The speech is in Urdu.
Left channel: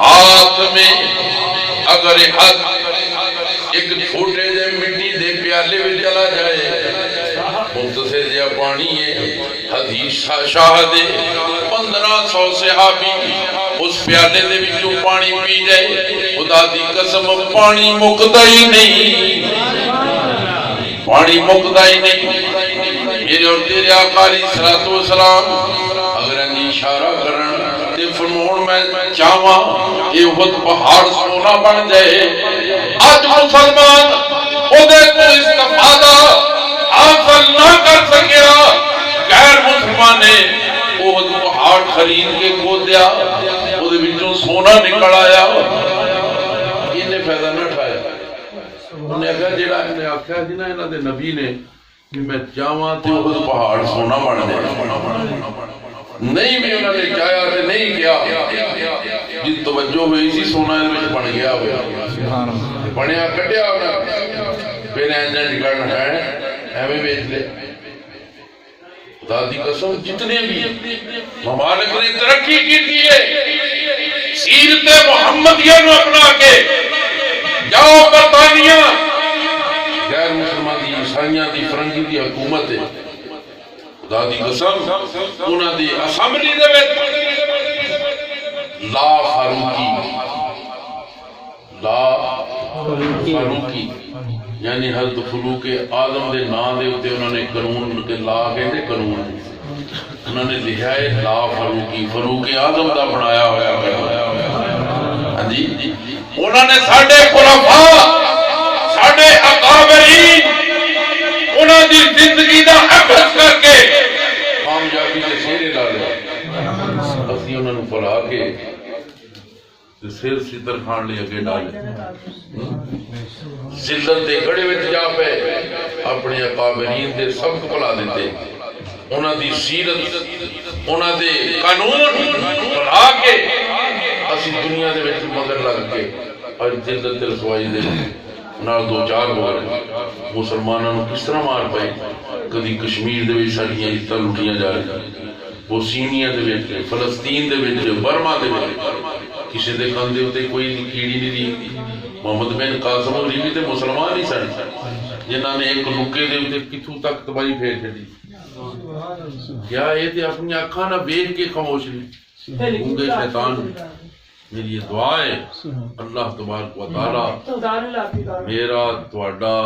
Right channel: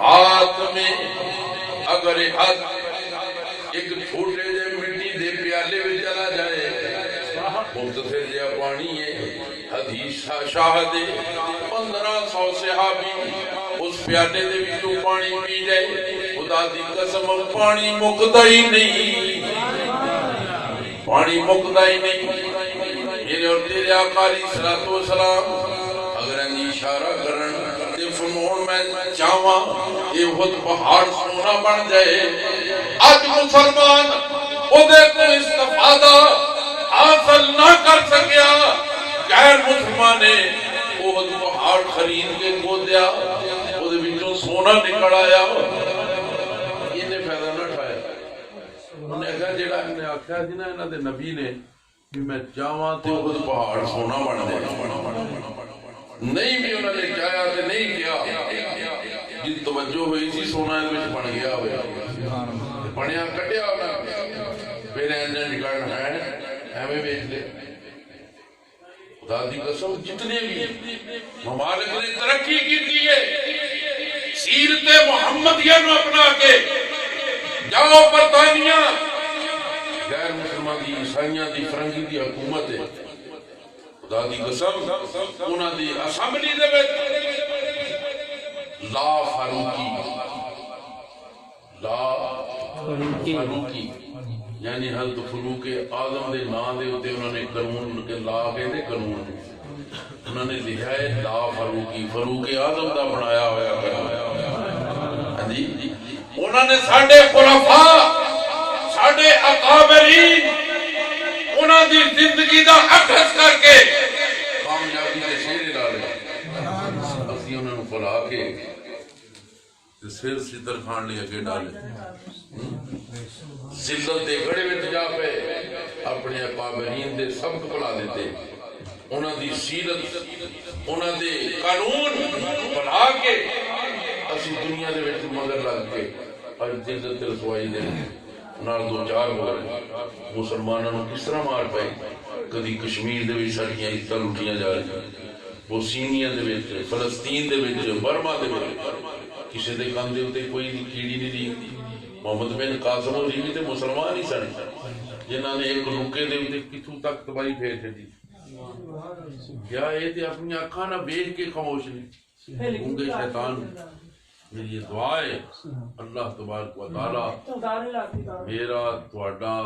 ہاتھ میں اگر ایک چھوٹے جے مٹی دے پیالے میں چلا جائے، مختصر جا پانی ہے، حدیث شاہ دے 1500 صحابی اس پیالے دے وچوں پانی پی جائے، خدا دی قسم پانی مکتا ہی نہیں، پانی مکتا ہی نہیں۔ میرے اور تیرے آقا علیہ الصلوۃ والسلام اگر انہیں اشارہ کرن تے فرمون میں چاہواں یہ خود پہاڑ سونا بن جائے، آج مسلمان خودے کو استفادہ حاصل نہ کر سکیا، غیر مسلمانے وہ خود پہاڑ خرید کے کھو دیا، خود بچوں سونا نکل آیا، انہیں فائدہ نہ اٹھایا۔ انہیں کہا جیڑا انہیں آکھا ہے نا انہاں دے نبی نے کہ میں چاہواں تے وہ خود پہاڑ سونا بن جائے، نہیں بھی انہوں نے چاہیا تے نہیں کیا، جس توجہ ہوئی سی سونا ان میں بن گیا ہویا، بنیا کٹیا ہونا، پھر اینجن نکلنا ہے ہمیں بیچ لے۔ خدا دی قسم جتنے بھی ممالک نے ترقی کی تھی سیرت محمدیہ نو اپنا کے جاؤ برطانیہ، غیر مسلمان دی عیسائیاں دی فرنگی دی حکومت ہے، خدا دی قسم انہاں دی اسمبلی دے وچ لا فاروقی یعنی حضرت فاروق اعظم دے نام دے اوتے انہوں نے قانون کے لا کہندے قانون انہوں نے لکھا ہے لا فاروقی، فاروق اعظم دا بنایا ہوا ہے۔ ہاں جی انہوں نے ساڈے خلفاء ساڈے اکابرین انہوں دی زندگی دا عکس کر کے کامیابی کے سیرے ڈالے، اسی انہوں نے بلا کے سر ستر کھان لے اگے ڈالے، ذلت دے گڑے وچ جا پے اپنے اکابرین دے سبق بلا دیتے، انہاں دی سیرت انہاں دے قانون بنا کے اسی دنیا دے وچ مگر لگ کے اور ذلت رسوائی دے نال دو چار ہو گئے، مسلمانوں نے کس طرح مار پائے، کدی کشمیر دے وچ ساڈیاں عزتاں لٹیاں جا رہی، بوسینیا دے وچ فلسطین دے وچ برما دے وچ کسی دے کندے ہوتے کوئی کیڑی نہیں دی۔ محمد بن قاسم ہوری بھی تے مسلمان ہی سن جنہاں نے ایک لکے دے ہوتے کتھوں تک تباہی پھیر چھڈی، کیا یہ تے اپنی آنکھاں نہ ویکھ کے خاموش نے گونگے شیطان۔ میری یہ دعا ہے اللہ تبارک و تعالی میرا تہاڈا